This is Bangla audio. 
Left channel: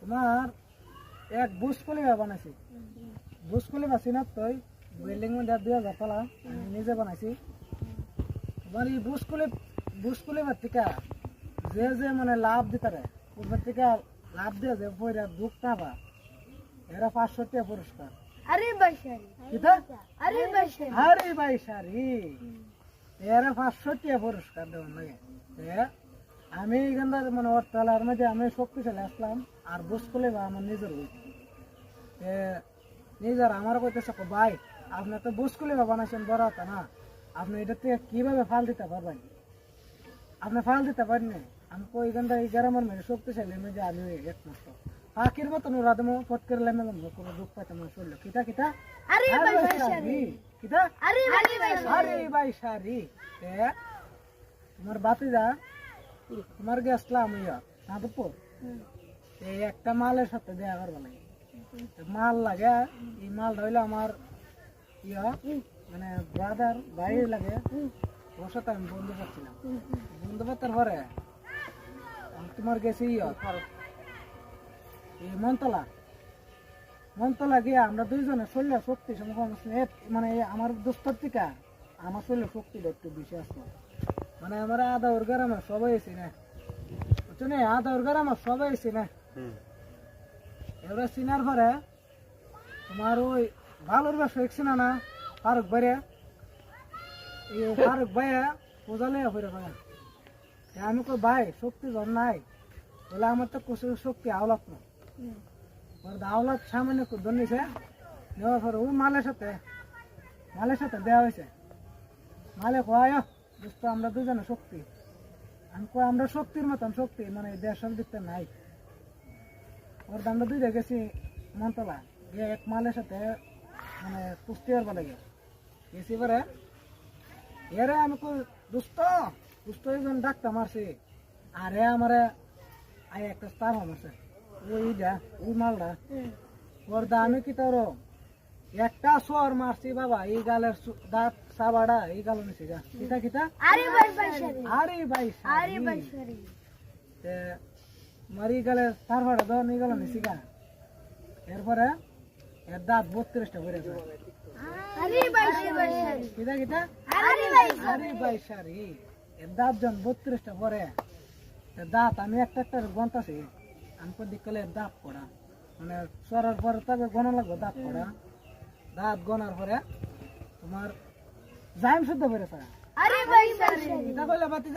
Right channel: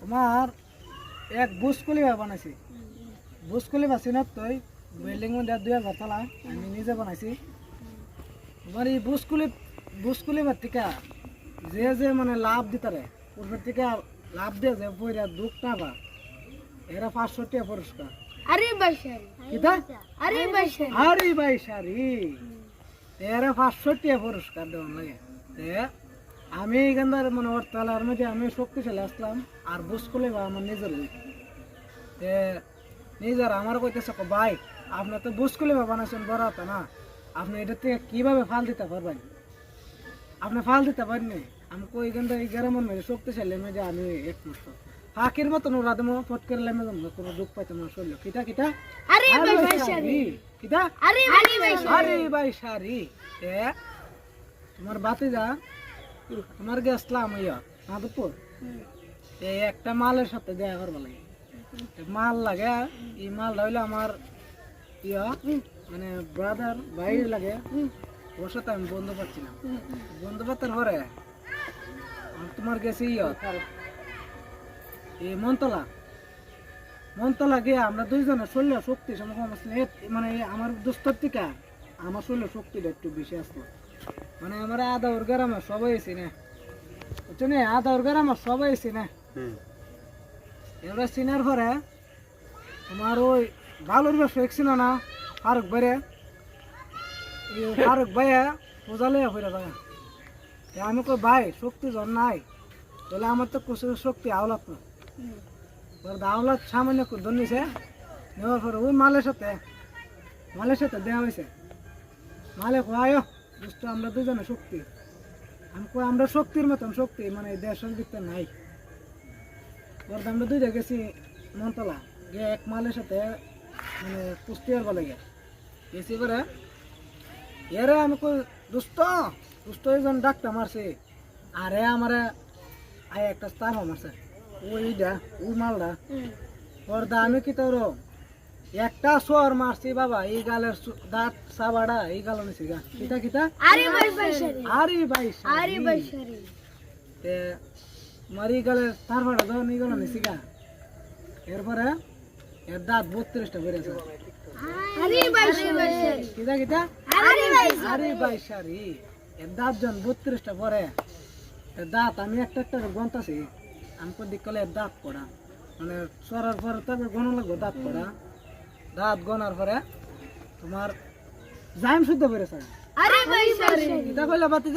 তোমার এক বুসকলি বানাইছি বুসকলি বাসিনা তই বিল্ডিং 2000 তলা আমি নিজে বানাইছি তোমার এই বুসকলি বাতিকা যে মানে লাভ দিতারে পূর্বের থেকে লাভ দিয়ে যে পয়রা দুঃখ না বা এরা 500 টাকা পুরস্কার আরে বাইশারি কিটা আরে বাইশারি এরা 500 টাকা পুরস্কার দেওয়ার লাগে আমি এখানকার মানে অর্থলার মধ্যে আমি শক্তিশালী আসলাম আর বুসকলে বা আমার নিজের আমার কইতেছে ভাই আপনি তো বুসকলে বা বানাইছেন বড় হতো না আপনি এটা থেকে কিভাবে ফাল দিতে পারবেন আপনি ফাল দিতে পারেননি আমি কই এখানটা এই গ্রামের মেয়ে শক্তিশালী মেয়ে আমি একমাত্র ফাঁকির মতন ওরা দেবো ফট করে লেমে কোনো দুঃখ পাইতে আমার শরীর কিটা আরে বাইশারি কিটা আরে বাইশারি তোমার বাতি যা তোমার গেছলাম মাধবপুর একটা মালের সাথে দেখা করবা লাগে মাল লাগে এই মালটা হইলো আমার মানে ব্রাদার ভাই লাগে ওর সাথে আমি বন্ধু পাচ্ছিলাম বন্ধু পাতার পরে তোমার গেছি এই মন্তলা গিয়ে আমরা দুইজনের শরীর শক্তি মানে আমার দুস্তর থেকে আমার শরীর শক্তিটা একটু বেশি আসতো মানে আমরা আধা ওর গ্রামে সবাই এসি না বুঝছো না আধা ওর গ্রামে সবাই এসি না এবার চিনার পরে তোমার ওই ভালোর ব্যবসা একছি না ফারুক ভাইয়া পূজা লইয়া ফিরে ভাই আমি কই ভাই শক্তি জন নাই বলে আমার তো কুসুর শক্তি আওলাত না আওলাত সামান্য ধর নিছে নেওয়ার পরে ওই মালের সাথে দেওয়া হয়েছে মালে কয় বুঝতো আমরা দুজনে শক্তি আমি কই আমরা শক্তির মতন শক্তি মানে দেশের দিকতে নাই ওর আমরা দুইটা গেছি মন্তলা গিয়ে এক মালের সাথে মানে কুস্তিয়ার বলে গেছি পরে এরে আমি কই দুষ্ট একজন ডাক্তার মারছে আর আমার আয় একটা স্টার মারছে ওই মালটা ওর আমি কি তোর একটা সোর মারছি বাবা এই গালের দাঁত সাবাড়া এই গাল নিছি গা কিটা আরে বাইশারি মারি গালের তারপরে ধর এই গাল নিছি গা এরপরে এর দাঁত 32টা বেড়েছে কিটা আরে বাইশারি এর দাঁত জন 32টা পরে দাঁত আমি একটা গন্তাছি আমি দিক কলে দাঁত পড়া মানে সরার পরে তারপরে গণা লাগবে দাঁত পড়া দাঁত গনার পরে তোমার জাইম শুদ্ধ বেড়েছে আরে বাইশারি এটা কইলা বাতি